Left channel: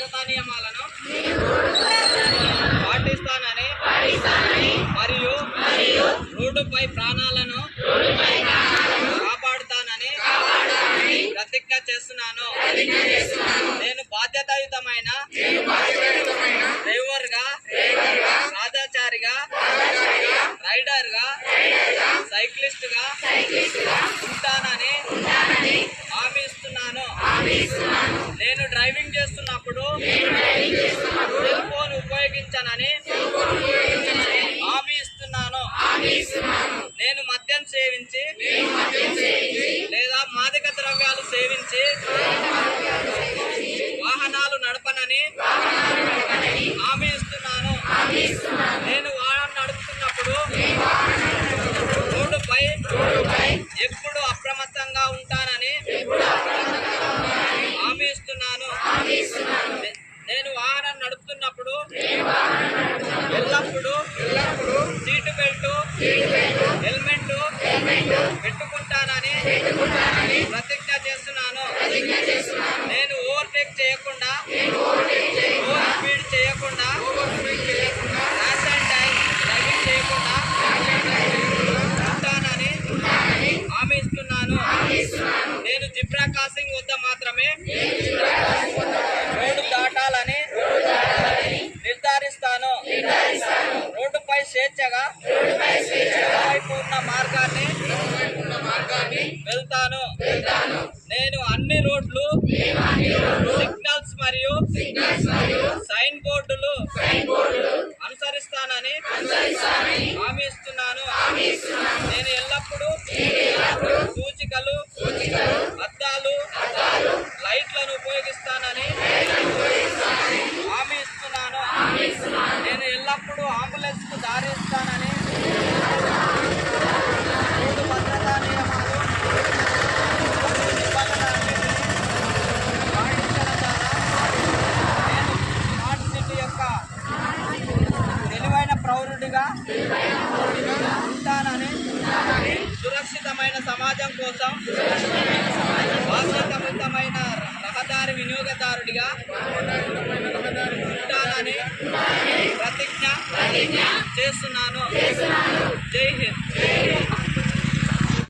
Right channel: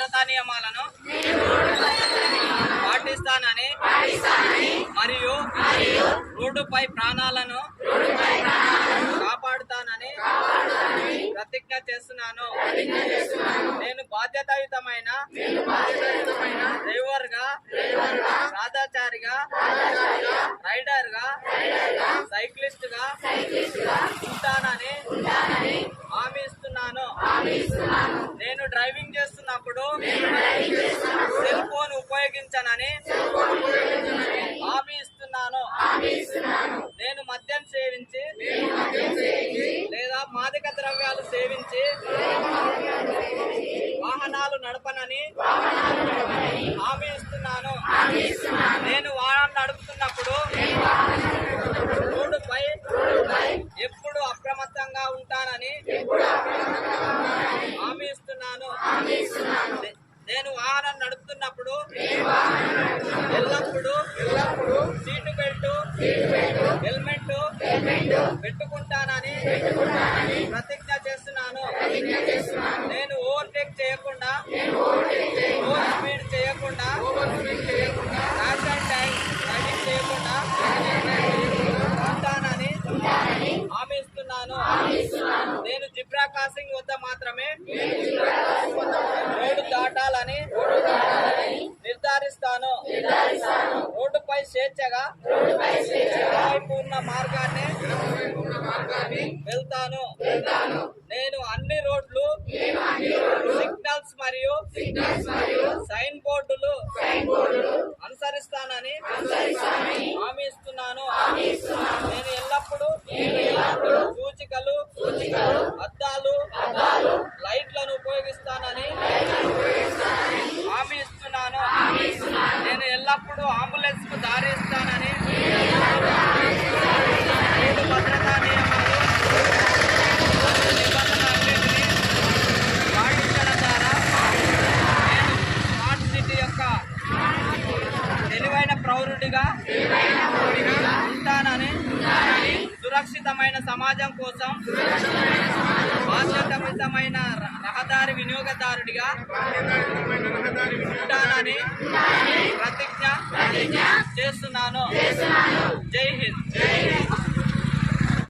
భద్రతా నియమాలను పాటిస్తానని మరియు రోడ్డుపై ప్రాణాలను కాపాడుతానని ప్రతిజ్ఞ చేస్తున్నాను. నేను బాధ్యతాయుతమైన డ్రైవర్గా, రాధాచారిగా, రైడర్గా, సైక్లిస్ట్గా ఉంటానని హామీ ఇస్తున్నాను. నేను డ్రైవింగ్ చేస్తున్నప్పుడు సెల్ ఫోన్ ఉపయోగించనని హామీ ఇస్తున్నాను. నేను మద్యం సేవించి లేదా మాదక ద్రవ్యాలు సేవించి వాహనాలు నడపనని హామీ ఇస్తున్నాను. నేను వాహనం నడుపుతున్నప్పుడు రోడ్డుపై ఎప్పుడు అప్రమత్తంగా ఉంటానని హామీ ఇస్తున్నాను. నేను వాహనం నడుపుతున్నప్పుడు ఎల్లప్పుడూ సీటు బెల్ట్, హెల్మెట్ పెట్టుకుంటానని ప్రతిజ్ఞ చేస్తున్నాను. నేను ఓవర్టేక్ చేయకుండా, ఓవర్ స్పీడ్ చేయకుండా, ర్యాష్ అండ్ డ్రైవింగ్ చేయకుండా ఉంటానని హామీ ఇస్తున్నాను. నేను జిబ్రా క్రాసింగ్ వద్ద మాత్రమే రోడ్డు దాటాలని నిర్ధారిస్తాను. రోడ్డుపై స్వేచ్ఛగా వైపు ఉన్న మార్గాన్ని వెళ్తాను. నేను అన్ని రోడ్లు, సిగ్నల్స్ మరియు సైన్ బోర్డులు అనుసరిస్తానని హామీ ఇస్తున్నాను. నేను ఎల్లప్పుడూ సూచికలు, అద్దాలు, లైట్లను ఉపయోగిస్తానని హామీ ఇస్తున్నాను. నేను ఎల్లప్పుడూ అంబులెన్స్ కు దారి ఇస్తానని రోడ్డు భద్రతా నియమాలు మరియు నిబంధనలన్నింటినీ పాటించడం ద్వారా నేను స్మార్ట్ సిటీ యొక్క తెలివైన పౌరుడిగా ఉంటానని, సురక్షితమైన సమాజం కోసం బాధ్యతాయుతమైన రహదారి వినియోగదారుడిగా ఉంటానని ప్రతిజ్ఞ చేస్తున్నాను. జై హింద్.